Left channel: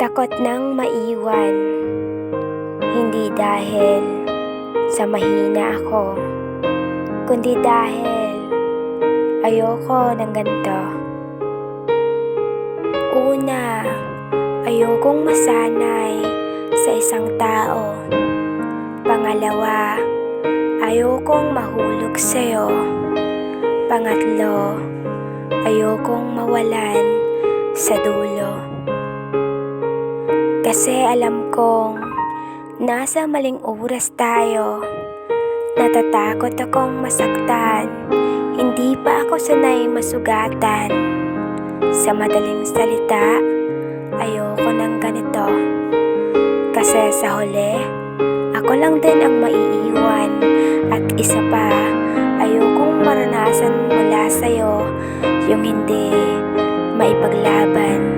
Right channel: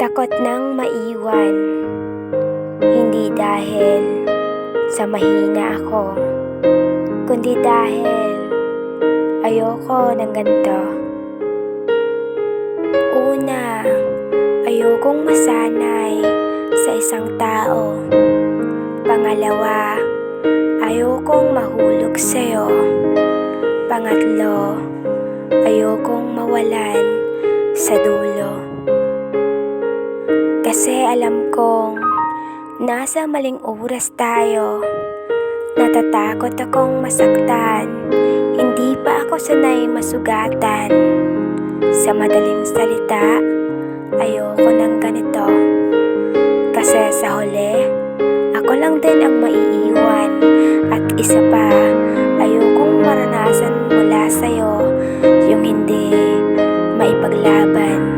Takot nang maiwan, hindi dahil sa mahina ako, kundi dahil ayoko ng ganito. Una, ayokong masanay sa isang tao. Pangalawa, ayokong mahulog sa'yo. Pangatlo, ayokong mawalan sa dulo. Kasi alam kong nasa maling oras tayo. Natatakot akong masaktan, hindi pa ako sanay masugatan. Sa madaling salita, ayoko ng ganito. Kasi sa huli, ako lang din ang maiiwan. At isa pa, ayokong maranasan mula sa'yo yung hindi maipaglaban.